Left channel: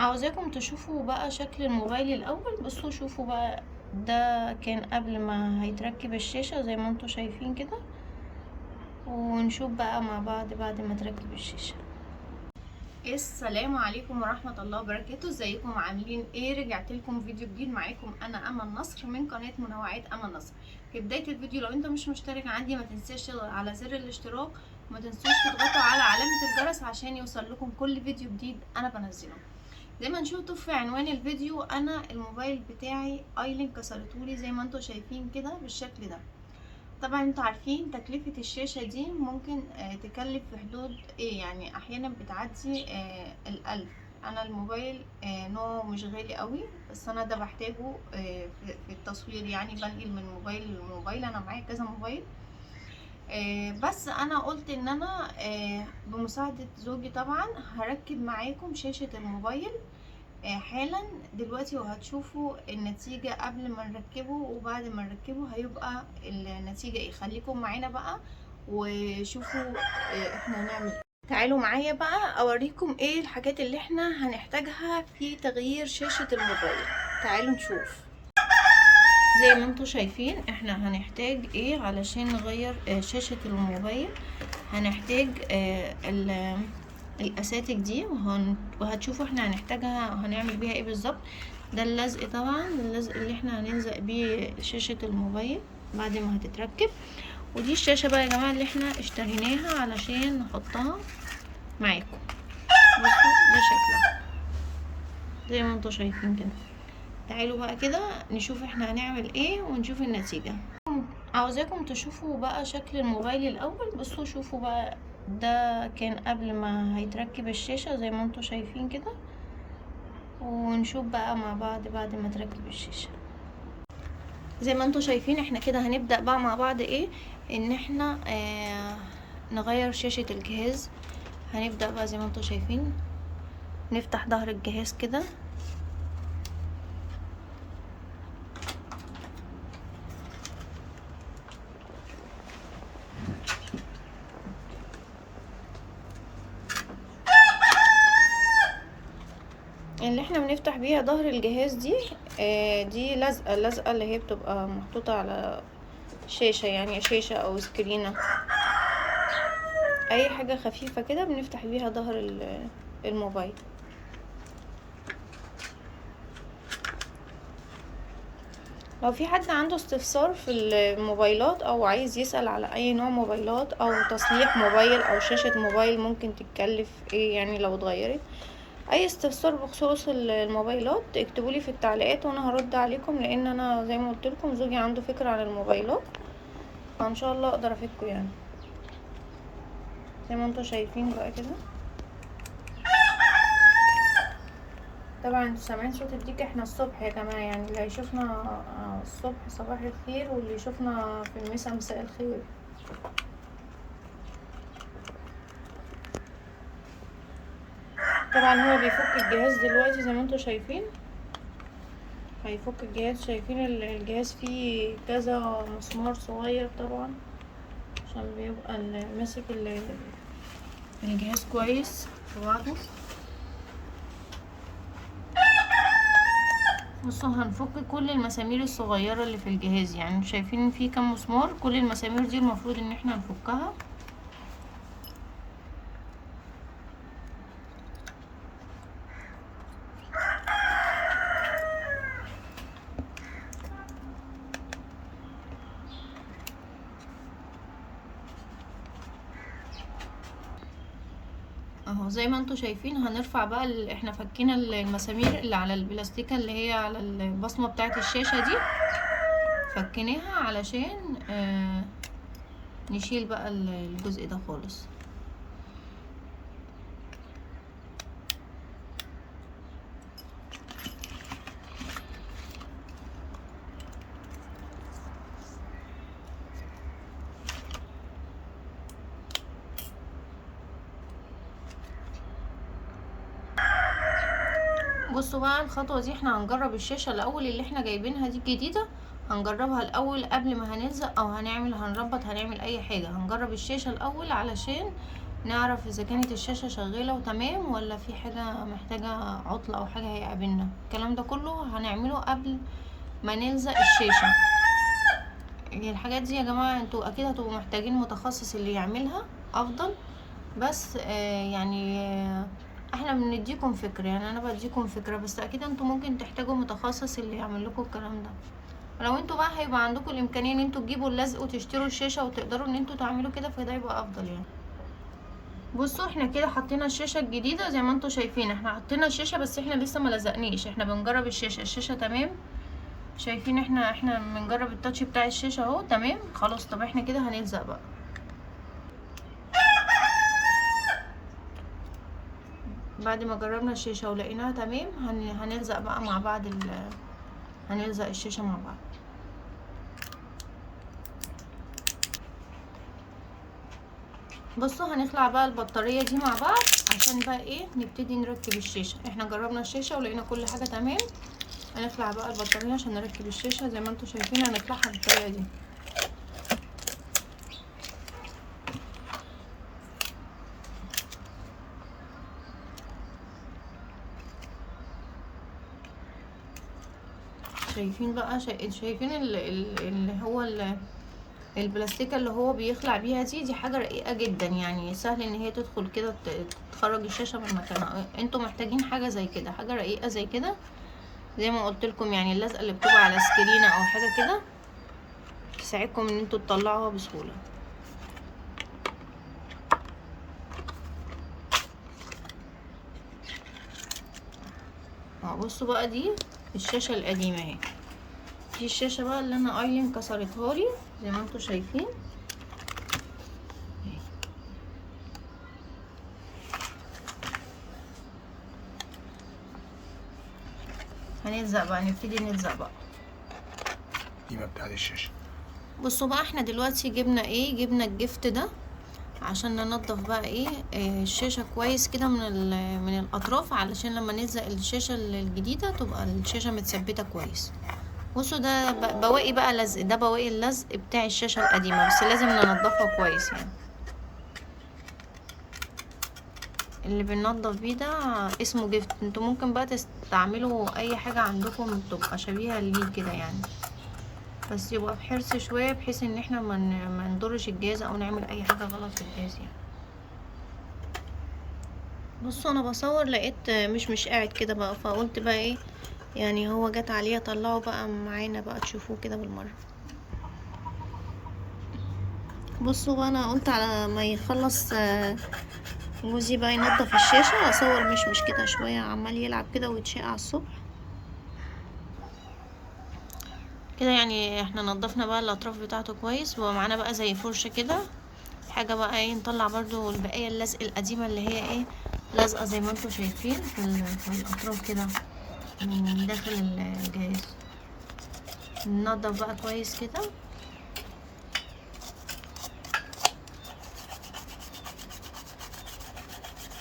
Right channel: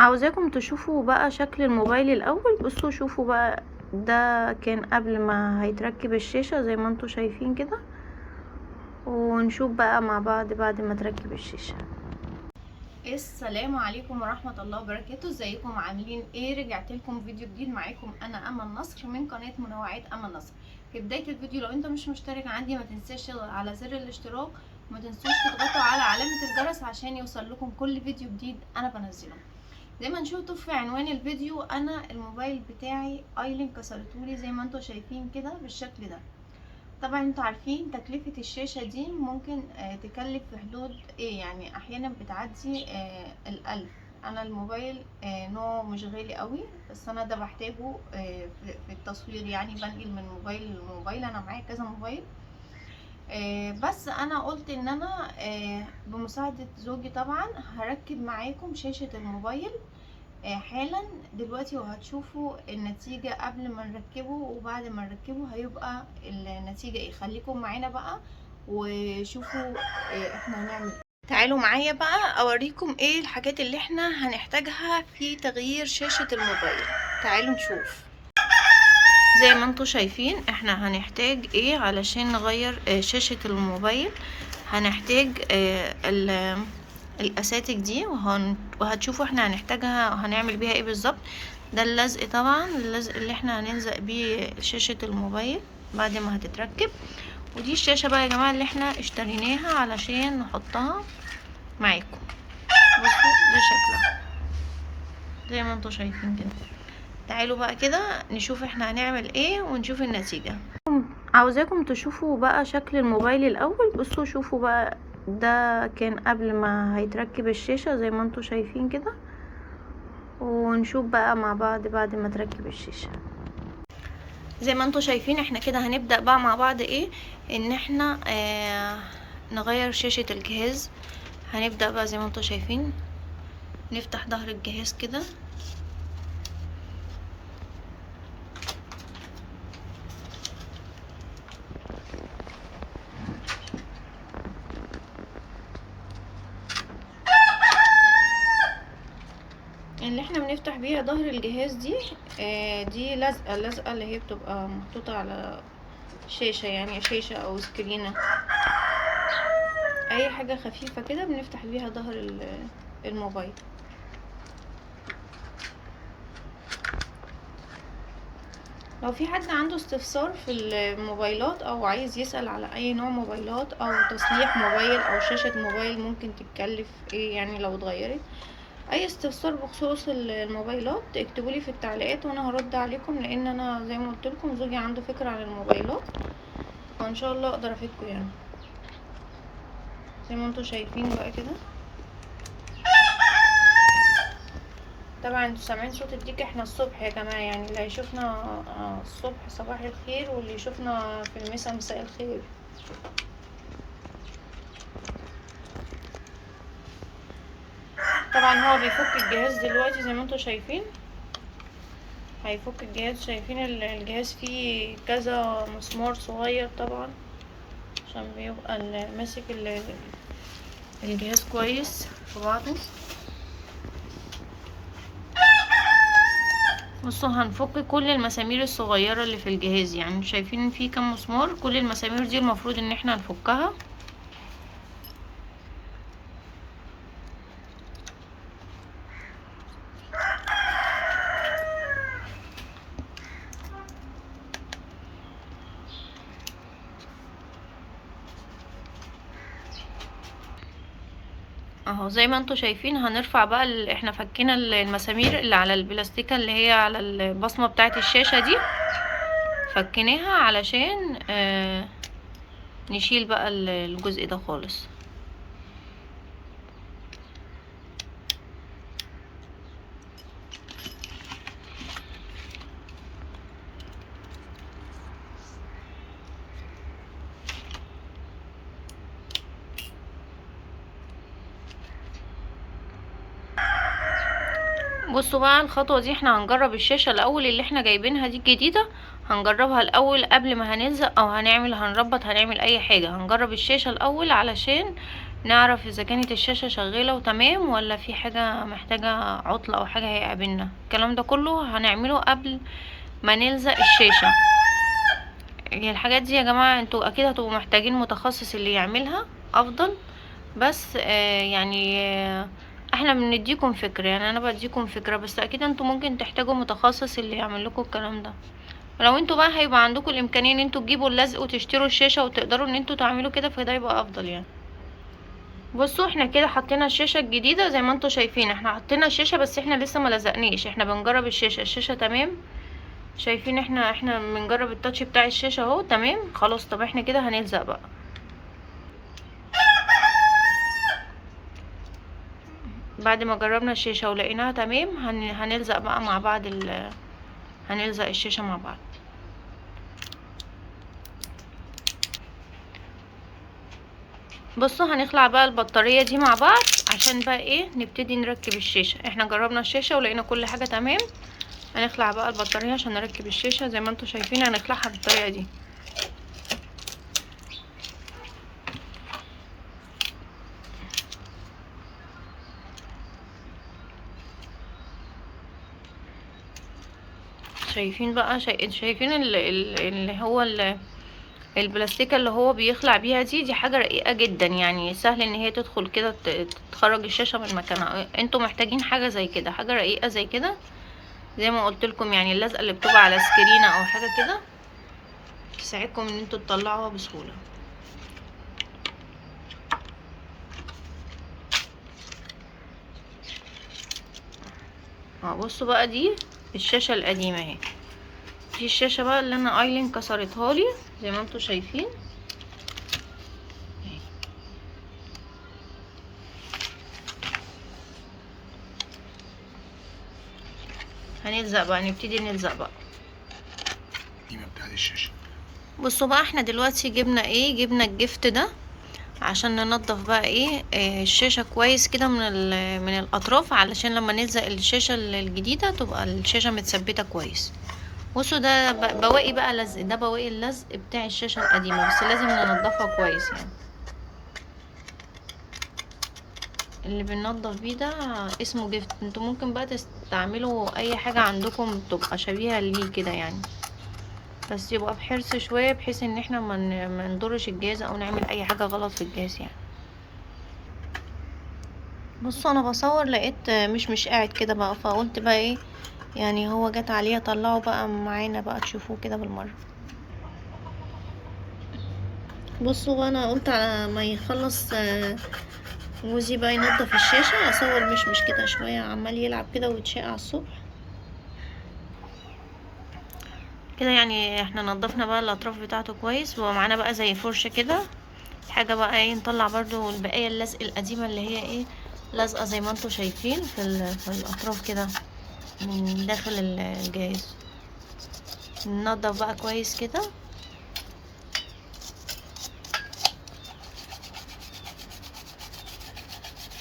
عاوزاكم تشوفوا بقى شكل الموبايل الاول. بصوا شوفوا بقى، ده كان قبل ما هيتركب الشاشة زي ما انتوا شايفين كده، ونشوف بقى مع بعض بعد ما تركب الشاشة. السلام عليكم ورحمة الله وبركاته. ازيكم عاملين ايه؟ رجعت لكم فيديو جديد. معاكم انا امل نصر من قناة منوعات امل نصر. في بداية الفيديو، لو انت مش مشترك عندي ما تنساش تضغط على زر الاشتراك، وما تنسوش تضغطوا على علامة الجرس عشان يوصل لكم كل فيديو جديد انا بنزله. زي ما انتوا في عنوان الفيديو، انا الموبايل بتاعي ايلين كسرتولي زي ما انتوا شايفين كده بالشكل ده. طبعا انتوا عارفين تكلفة الشاشة دي ممكن تكلف في حدود ايه، يعني احيانا بتعدي ال1000. انا الموبايل نوعه مش غالي قوي، بس انا ده بحتاجه في التصوير، يعني بنقل من موبايل لموبايل. انا معايا كذا موبايل، بس انا قلت ان انا بمساعدة زوجي طبعا هركب معاكم شاشة الموبايل حالا دلوقتي، وهتشوفوا النتيجة قبل ما نركبه وبعد ما نركبه هيبقى النتيجة ايه. خليكم معانا بقى وشوفوا احنا هنعمل ايه. تعالوا معايا بقى اوريكم ايه الحاجات اللي احنا هنحتاجها في تغيير شاشة الموبايل. تعالوا نشوف. زي ما انتوا شايفين احنا هنحتاج ايه علشان نغير شاشة الموبايل. هنحتاج الاساتك دي، وهتشوفوا احنا هنحتاجها وهنعمل بيها ايه بالظبط. ده اللزق، طبعا اللزق اللي احنا هنلزق بيه شاشة الموبايل بعد ما هتتركب. ودي الشاشة بقى يا جماعة اللي احنا اشتريناها علشان نحطها معاكم. بصوا ده شكلها زي ما انتوا شايفين كده. تعالوا بقى كده نشوف احنا هنعمل ايه ونشوف النتيجة. عاوزاكم تشوفوا بقى شكل الموبايل الاول. بصوا شوفوا بقى، ده كان قبل ما هيتركب الشاشة زي ما انتوا شايفين كده، ونشوف بقى مع بعض بعد ما تركب الشاشة. زي ما انتوا شايفين احنا كده هنبدأ بقى مع بعض ايه، ان احنا نغير شاشة الجهاز. هنبدأ بقى زي ما انتوا شايفين، نفتح ظهر الجهاز كده. اللي احنا بنفتح بيها ظهر الجهاز دي دي اللزقة اللي هي بتبقى محطوطة على شاشة، يعني شاشة او سكرينة، اي حاجة خفيفة كده بنفتح بيها ظهر الموبايل. لو في حد عنده استفسار في الموبايلات او عايز يسأل على اي نوع موبايلات او تصليح موبايل او شاشة موبايل ممكن تتكلف ايه، يعني لو اتغيرت، اي استفسار بخصوص الموبايلات اكتبولي في التعليقات وانا هرد عليكم، لان انا زي ما قلت لكم زوجي عنده فكرة عن الموبايلات، فان شاء الله اقدر افيدكم يعني. زي ما انتوا شايفين بقى كده. طبعا انتوا سامعين صوت الديك، احنا الصبح يا جماعه، يعني اللي هيشوفنا الصبح صباح الخير، واللي يشوفنا في المساء مساء الخير. طبعا هو بيفك الجهاز دلوقتي زي ما انتوا شايفين، هيفك الجهاز. شايفين الجهاز فيه كذا مسمار صغير طبعا عشان بيبقى ماسك الجهاز كويس في بعضه. بصوا هنفك كل المسامير الصغيرة اللي في الجهاز، يعني شايفين فيه كم مسمار، كل المسامير دي المفروض ان احنا نفكها. اهو زي ما انتوا شايفين هنرفع بقى احنا فكينا المسامير اللي على البلاستيكة اللي هي على البصمة بتاعت الشاشة دي، فكيناها علشان نشيل بقى الجزء ده خالص. بصوا بقى الخطوة دي احنا هنجرب الشاشة الاول اللي احنا جايبينها دي الجديدة، هنجربها الاول قبل ما هنلزق او هنعمل هنربط هنعمل اي حاجة. هنجرب الشاشة الاول علشان نعرف اذا كانت الشاشة شغالة وتمام ولا في حاجة محتاجة عطلة او حاجة هيقابلنا. الكلام ده كله هنعمله قبل ما نلزق الشاشة. هي الحاجات دي يا جماعة انتوا اكيد هتبقوا محتاجين متخصص اللي يعملها افضل، بس يعني احنا بنديكم فكرة، يعني انا بديكم فكرة، بس اكيد انتوا ممكن تحتاجوا متخصص اللي يعمل لكم الكلام ده. لو انتوا بقى هيبقى عندكم الامكانية ان انتوا تجيبوا اللزق وتشتروا الشاشة وتقدروا ان انتوا تعملوا كده، فده يبقى افضل يعني. بصوا احنا كده حطينا الشاشة الجديدة زي ما انتوا شايفين، احنا حطينا الشاشة بس احنا لسه ما لزقناش، احنا بنجرب الشاشة تمام. شايفين احنا بنجرب التاتش بتاع الشاشة اهو تمام خلاص. طب احنا كده هنلزق بقى. بعد ما جربنا الشاشة ولقيناها تمام هنلزق بقى مع بعض هنلزق الشاشة مع بعض. بصوا هنخلع بقى البطارية دي مع بعض عشان بقى ايه نبتدي نركب الشاشة. احنا جربنا الشاشة ولقينا كل حاجة تمام. هنخلع بقى البطارية عشان نركب الشاشة زي ما انتوا شايفين، هنخلعها بالطريقة دي. شايفين بقى شايفين اللي هو البلاستيكة اللي هو بيخلع بيها دي حاجة رقيقة جدا، يعني سهل ان هي تدخل كده تخرج الشاشة من مكانها. انتوا محتاجين حاجة زي كده، حاجة رقيقة زي كده، زي ما قلت لكم يعني اللزقة اللي بتبقى على سكرينة او حاجة كده تساعدكم ان انتوا تطلعوها بسهولة. بصوا بقى دي الشاشة القديمة اهي. دي الشاشة بقى اللي انا ايلين كسرتها لي زي ما انتوا شايفين. هنلزق بقى، نبتدي نلزق بقى القيمة بتاعت الشاشة. بصوا بقى احنا دلوقتي جبنا ايه، جبنا الجفت ده عشان ننضف بقى ايه الشاشة كويس كده من الاطراف، علشان لما نلزق الشاشة الجديدة تبقى الشاشة متثبتة كويس. بصوا ده بواقي بقى لزق، ده بواقي اللزق بتاع الشاشة القديمة، بس لازم ننضفها كويس يعني. اللي بننضف بيه ده اسمه جفت. انتوا ممكن بقى تستعملوا اي حاجة عندكم تبقى شبيهة ليه كده يعني، بس يبقى بحرص شوية بحيث ان احنا ما نضرش الجهاز او نعمل اي حاجة غلط في الجهاز يعني. بصوا انا بصور لقيت مش قاعد كده بقى، فقلت بقى ايه يعني هو جت عليه اطلعه بقى معانا بقى تشوفوه كده بالمرة. بصوا بقى انا قلت على ما يخلص جوزي بقى ينضف الشاشة اصور مش كده شوية عمال يلعب كده ويتشقى على الصبح كده يعني. احنا نضفنا بقى الاطراف بتاعته كويس، ومعانا بقى زي فرشة كده حاجة بقى ايه نطلع برضو البقية اللزق القديمة اللي هي ايه لازقة زي ما انتوا شايفين في الاطراف كده من داخل الجهاز. ننضف بقى كويس كده.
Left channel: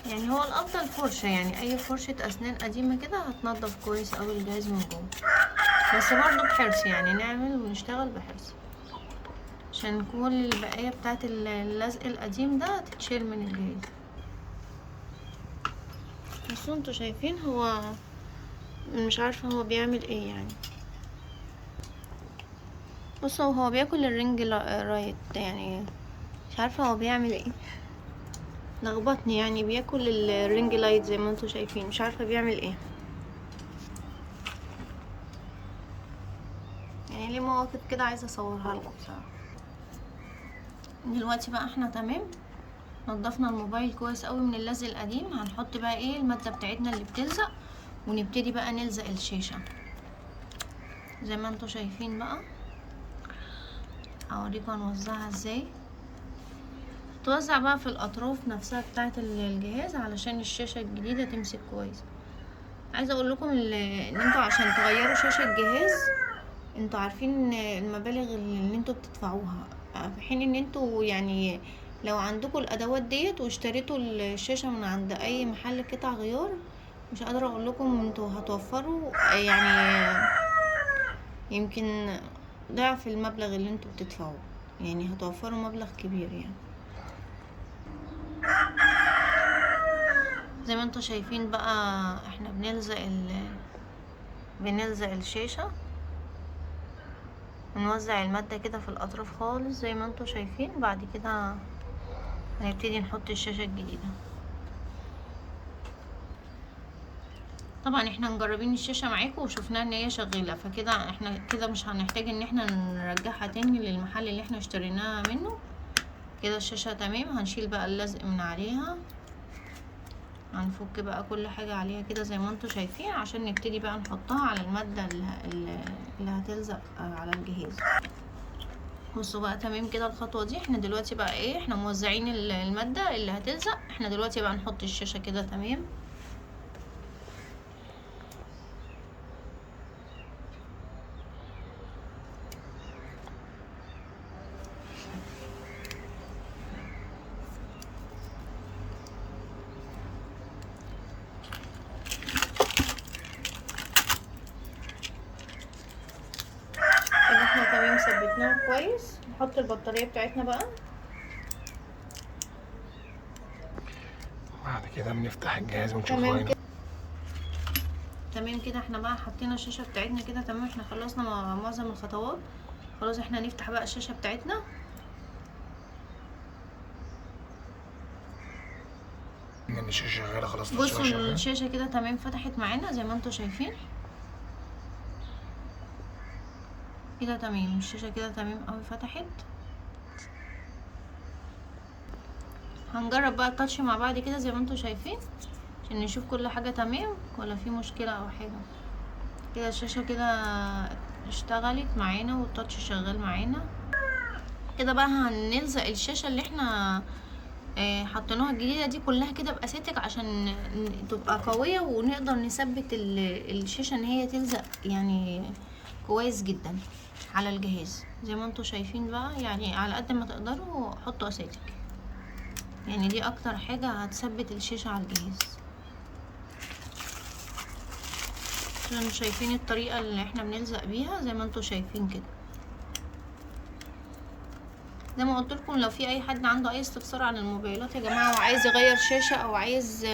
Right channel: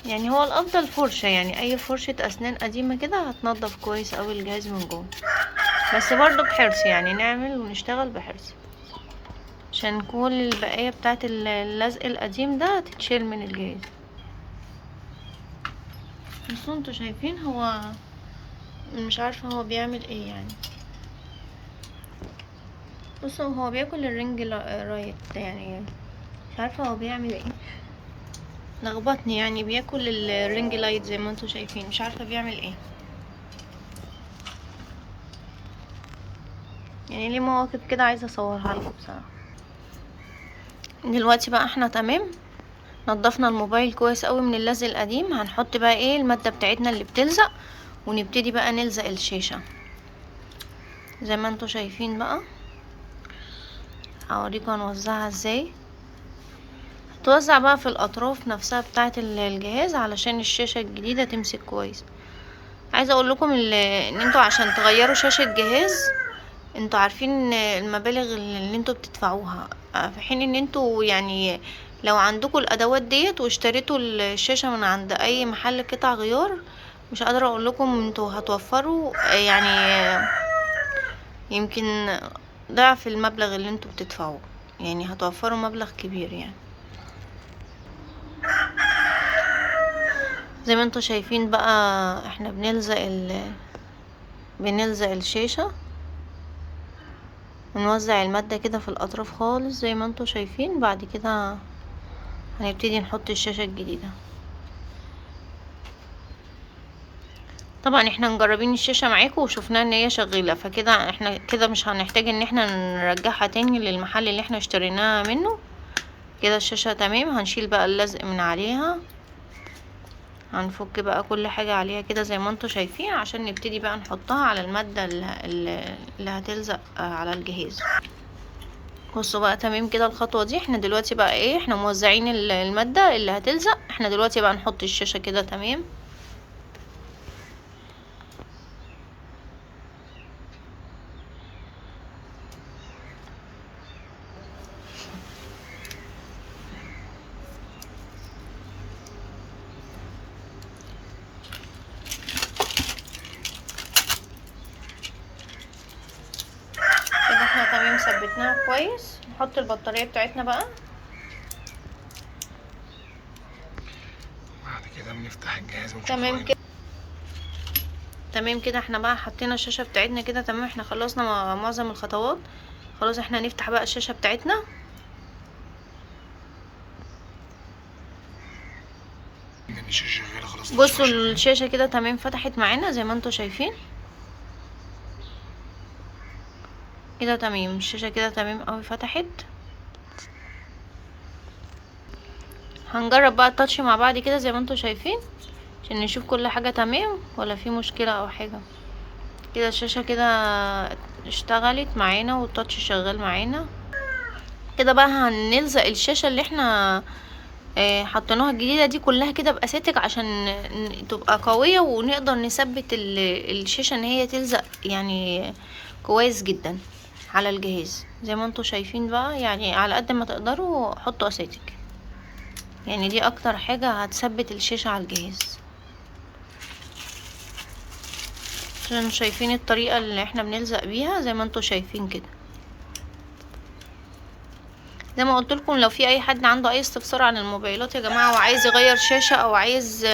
يعني هو الافضل فرشة، يعني اي فرشة اسنان قديمة كده هتنضف كويس اوي الجهاز من جوه، بس برضو بحرص يعني نعمل ونشتغل بحرص عشان كل البقية بتاعت اللزق القديم ده تتشيل من الجهاز. بصوا انتوا شايفين هو مش عارفة هو بيعمل ايه يعني. بصوا هو بياكل الرنج رايت يعني، مش عارفة هو بيعمل ايه، لخبطني يعني. بياكل الرينج لايت زي ما انتوا شايفين، مش عارفة بيعمل ايه يعني. ليه مواقف كده عايزة اصورها لكم بصراحة. دلوقتي بقى احنا تمام، نضفنا الموبايل كويس قوي من اللزق القديم. هنحط بقى ايه المادة بتاعتنا اللي بتلزق ونبتدي بقى نلزق الشاشة زي ما انتوا شايفين بقى. هوريكم هنوزعها ازاي. توزع بقى في الاطراف نفسها بتاعه الجهاز علشان الشاشة الجديدة تمسك كويس. عايزة اقول لكم ان انتوا عشان تغيروا شاشة جهاز انتوا عارفين المبالغ اللي انتوا بتدفعوها، في حين ان انتوا يعني لو عندكم الادوات ديت واشتريتوا الشاشة من عند اي محل قطع غيار، مش قادرة اقول لكم انتوا هتوفروا يعني يمكن ضعف المبلغ اللي انتوا بتدفعوه، يعني هتوفروا مبلغ كبير يعني. زي ما انتوا شايفين بقى احنا بنلزق الشاشة ونوزع المادة كده في الاطراف خالص زي ما انتوا شايفين. بعد كده هنبتدي نحط الشاشة الجديدة. طبعا احنا مجربين الشاشة معاكم وشفناها ان هي شغالة، فكده احنا كده مش هنحتاج ان احنا نرجعها تاني للمحل اللي احنا اشتريناها منه. كده الشاشة تمام. هنشيل بقى اللزق من عليها، هنفك بقى كل حاجة عليها كده زي ما انتوا شايفين عشان نبتدي بقى نحطها على المادة اللي هتلزق على الجهاز. بصوا بقى تمام كده الخطوة دي. احنا دلوقتي بقى ايه، احنا موزعين المادة اللي هتلزق. احنا دلوقتي بقى نحط الشاشة كده تمام. كده احنا تمام ثبتناها كويس. نحط البطارية بتاعتنا بقى. بعد كده بنفتح الجهاز ونشوف تمام كده. تمام كده احنا بقى حطينا الشاشة بتاعتنا كده تمام. احنا خلصنا معظم الخطوات. خلاص احنا هنفتح بقى الشاشة بتاعتنا. ان الشاشة شغالة خلاص. بصوا الشاشة كده تمام فتحت معانا زي ما انتوا شايفين كده تمام. الشاشة كده تمام اوي فتحت. هنجرب بقى التاتش مع بعض كده زي ما انتوا شايفين عشان نشوف كل حاجة تمام ولا في مشكلة او حاجة. كده الشاشة كده اشتغلت معانا والتاتش شغال معانا. كده بقى هنلزق الشاشة اللي احنا حطيناها الجديدة دي كلها كده بأساتك عشان تبقى قوية ونقدر نثبت الشاشة ان هي تلزق يعني كويس جدا على الجهاز. زي ما انتوا شايفين بقى يعني على قد ما تقدروا حطوا أساتك، يعني دي اكتر حاجة هتثبت الشاشة على الجهاز. عشان شايفين الطريقة اللي احنا بنلزق بيها زي ما انتوا شايفين كده. زي ما قلت لكم لو في اي حد عنده اي استفسار عن الموبايلات يا جماعة وعايز يغير شاشة او عايز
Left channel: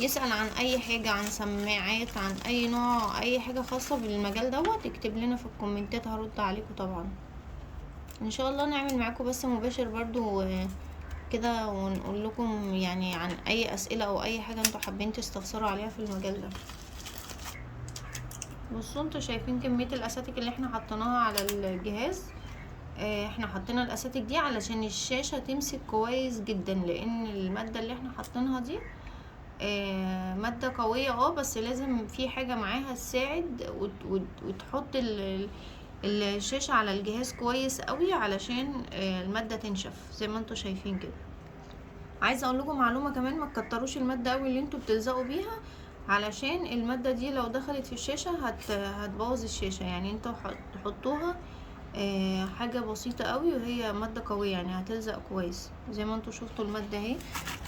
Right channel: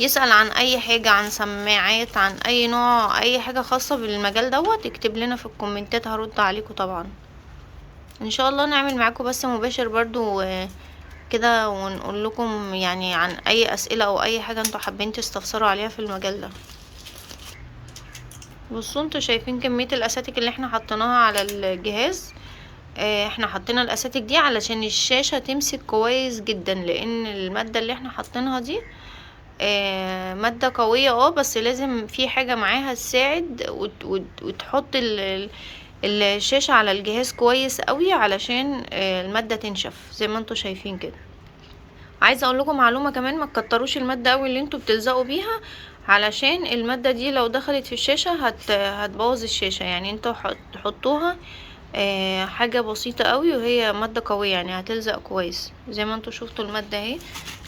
يسأل عن اي حاجة، عن سماعات، عن اي نوع، اي حاجة خاصة بالمجال دوت، اكتب لنا في الكومنتات هرد عليكم طبعا ان شاء الله. نعمل معاكم بث مباشر برضو كده ونقول لكم يعني عن اي اسئلة او اي حاجة انتوا حابين تستفسروا عليها في المجال ده. بصوا انتوا شايفين كمية الاساتك اللي احنا حطيناها على الجهاز. احنا حطينا الاساتك دي علشان الشاشة تمسك كويس جدا، لان المادة اللي احنا حطيناها دي مادة قوية بس لازم في حاجة معاها تساعد وتحط الشاشة على الجهاز كويس قوي علشان المادة تنشف زي ما انتوا شايفين كده. عايزه اقول لكم معلومه كمان، ما تكتروش الماده قوي اللي انتوا بتلزقوا بيها علشان الماده دي لو دخلت في الشاشه هتبوظ الشاشه. يعني انتوا تحطوها حاجه بسيطه قوي وهي ماده قويه يعني هتلزق كويس. زي ما انتوا شفتوا الماده اهي،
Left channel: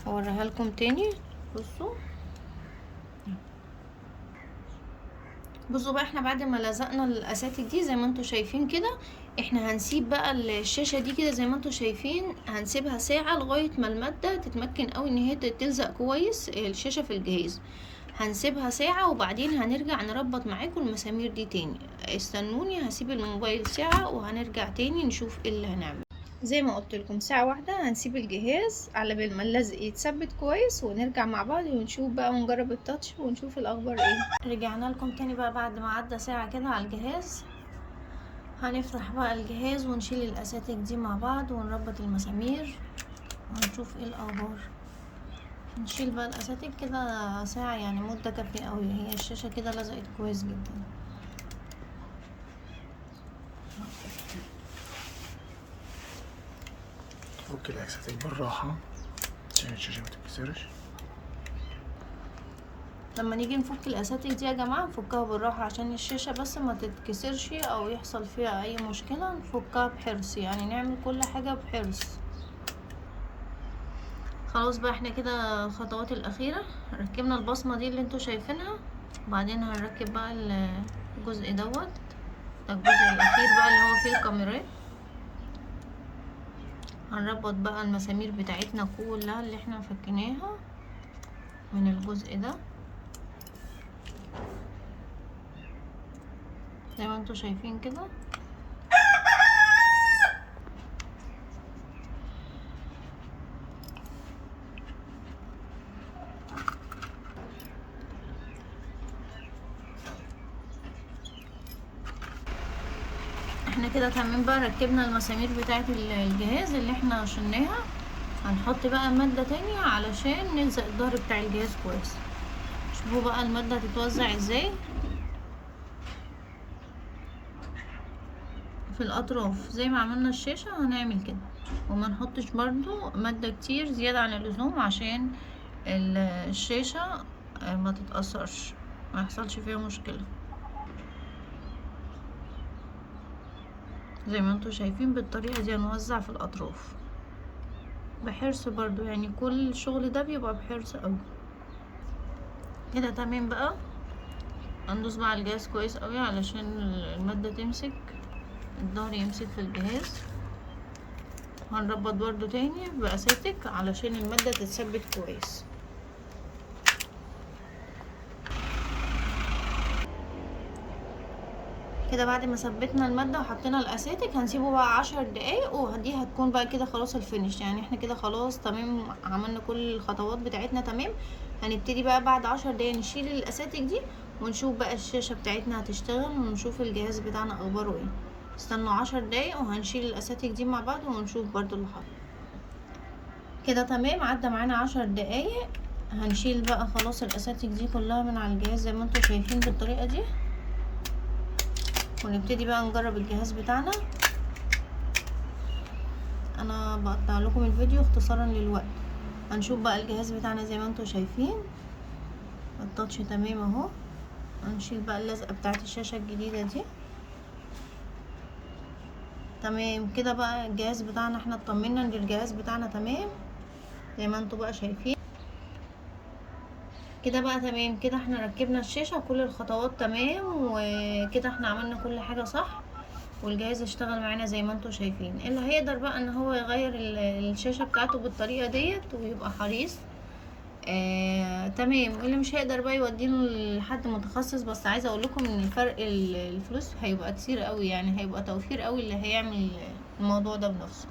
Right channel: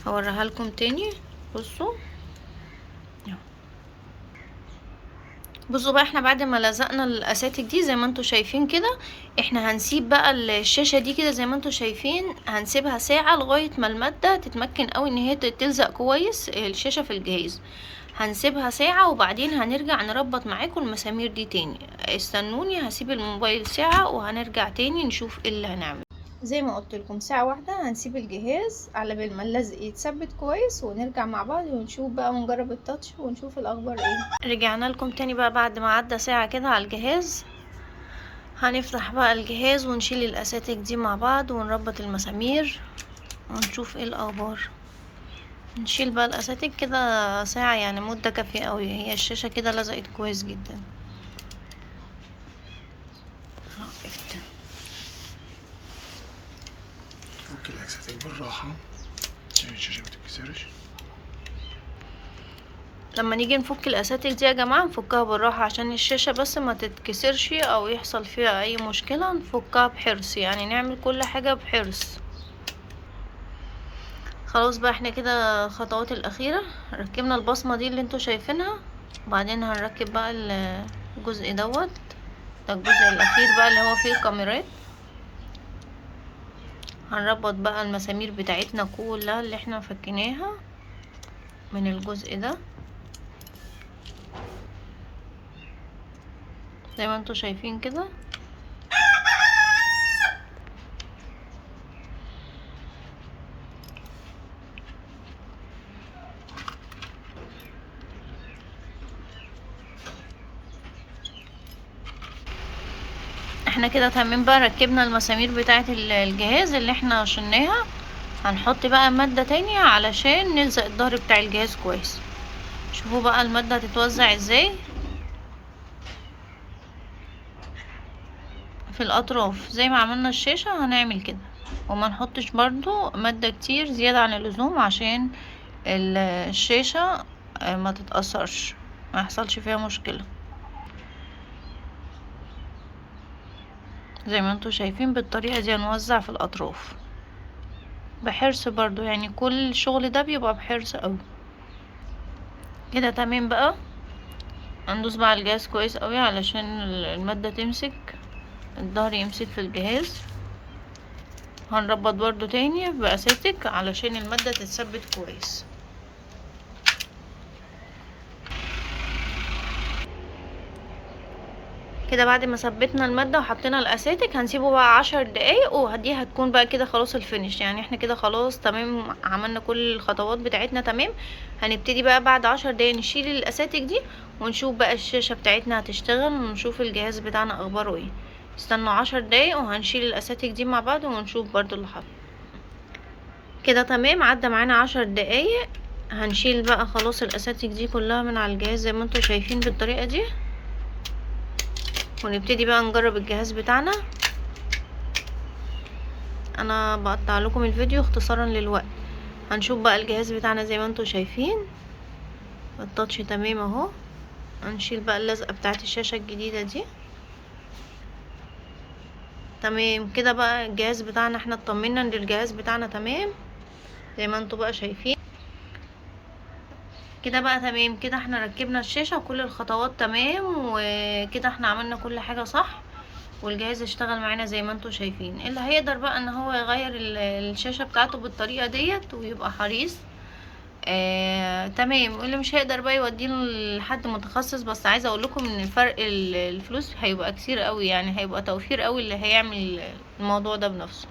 هوريها لكم تاني. بصوا بصوا بقى احنا بعد ما لزقنا الاساتك دي زي ما انتوا شايفين كده، احنا هنسيب بقى الشاشة دي كده زي ما انتوا شايفين، هنسيبها ساعة لغاية ما المادة تتمكن قوي ان هي تلزق كويس الشاشة في الجهاز. هنسيبها ساعة وبعدين هنرجع نربط معاكم المسامير دي تاني. استنوني، هسيب الموبايل ساعة وهنرجع تاني نشوف ايه اللي هنعمل. زي ما قلت لكم ساعة واحدة هنسيب الجهاز على بال ما اللزق يتثبت كويس ونرجع مع بعض ونشوف بقى ونجرب التاتش ونشوف الاخبار ايه. رجعنا لكم تاني بقى بعد ما عدى ساعة كده على الجهاز. هنفتح بقى الجهاز ونشيل الاساتك دي مع بعض ونربط المسامير ونشوف ايه الاخبار. نشيل بقى الاساتك كده ساعة يعني مدة كافية قوي. هي الشاشة كده لزقت كويس جدا. فك الاساتك بالراحة عشان الشاشة متتكسرش. لما نيجي نفك الاساتك دي يا جماعة نفكها بالراحة عشان الشاشة بس ما تتكسرش او يحصل فيها اي مشكلة. نفكها بحرص يعني نعمل كل حاجة بحرص. خلاص بقى احنا كده الخطوات الاخيرة. ركبنا البصمة دي اللي انتوا شايفينها، وبعدين هنركب بقى الجزء دوت. ده الجزء الاخير بقى اللي هو فيه الكاميرات. هنربط بقى المسامير بتاعتنا كلها اللي احنا فكيناها. من الجزء ده زي ما انتوا شايفين كده. احنا كده تمام بقى، ركبنا المسامير بتاعه الجهاز اللي احنا شلناها. هنحط بقى مادة تانية علشان نلزق الظهر بتاع الجهاز كويس. شوفوا بقى المادة هتتوزع ازاي في الاطراف زي ما عملنا الشاشة. هنعمل كده وما نحطش برضو مادة كتير زيادة عن اللزوم عشان الشاشة ما تتأثرش، ما يحصلش فيها مشكلة. زي ما انتوا شايفين بالطريقة دي هنوزع في الاطراف بحرص برضو، يعني كل الشغل ده بيبقى بحرص قوي. كده تمام بقى. هندوس بقى على الجهاز كويس قوي علشان المادة تمسك، الظهر يمسك في الجهاز. هنربط برضو تاني بأساتك علشان المادة تتثبت كويس. كده بعد ما ثبتنا المادة وحطينا الأساتك هنسيبه بقى 10 دقايق، ودي هتكون بقى كده خلاص الفينش. يعني احنا كده خلاص تمام، عملنا كل الخطوات بتاعتنا تمام. هنبتدي بقى بعد 10 دقايق نشيل الأساتك دي ونشوف بقى الشاشة بتاعتنا هتشتغل ونشوف الجهاز بتاعنا اخباره ايه. استنوا 10 دقايق وهنشيل الأساتك دي مع بعض ونشوف برضو اللي حصل. كده تمام، عدى معانا 10 دقايق. هنشيل بقى خلاص الأساتك دي كلها من على الجهاز زي ما انتوا شايفين بالطريقة دي، ونبتدي بقى نجرب الجهاز بتاعنا. انا بقطع لكم الفيديو اختصارا للوقت. هنشوف بقى الجهاز بتاعنا زي ما انتوا شايفين التاتش تمام اهو. هنشيل بقى اللزقه بتاعه الشاشه الجديده دي. تمام كده بقى الجهاز بتاعنا احنا اطمنا ان الجهاز بتاعنا تمام زي ما انتوا بقى شايفين كده بقى. تمام كده احنا ركبنا الشاشه وكل الخطوات تمام، وكده احنا عملنا كل حاجه صح والجهاز اشتغل معانا زي ما انتوا شايفين. اللي هيقدر بقى ان هو يغير الشاشة بتاعته بالطريقة ديت ويبقى حريص تمام، واللي مش هيقدر بقى يوديه لحد متخصص. بس عايزه اقول لكم ان فرق الفلوس هيبقى كتير قوي، يعني هيبقى توفير قوي اللي هيعمل الموضوع ده بنفسه.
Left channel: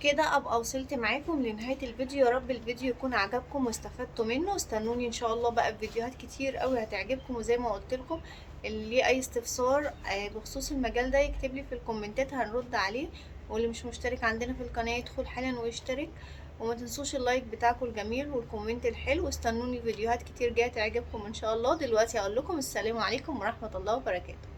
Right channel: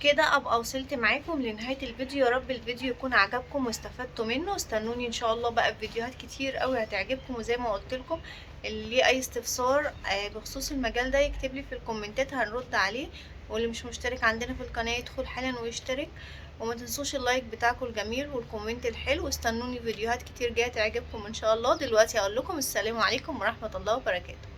كده ابقى وصلت معاكم لنهايه الفيديو. يا رب الفيديو يكون عجبكم واستفدتوا منه. استنوني ان شاء الله بقى بفيديوهات كتير قوي هتعجبكم. وزي ما قلت لكم اللي ليه اي استفسار بخصوص المجال ده يكتب لي في الكومنتات هنرد عليه. واللي مش مشترك عندنا في القناه يدخل حالا ويشترك. وما تنسوش اللايك بتاعكم الجميل والكومنت الحلو. استنوني فيديوهات كتير جايه تعجبكم ان شاء الله. دلوقتي اقول لكم السلام عليكم ورحمه الله وبركاته.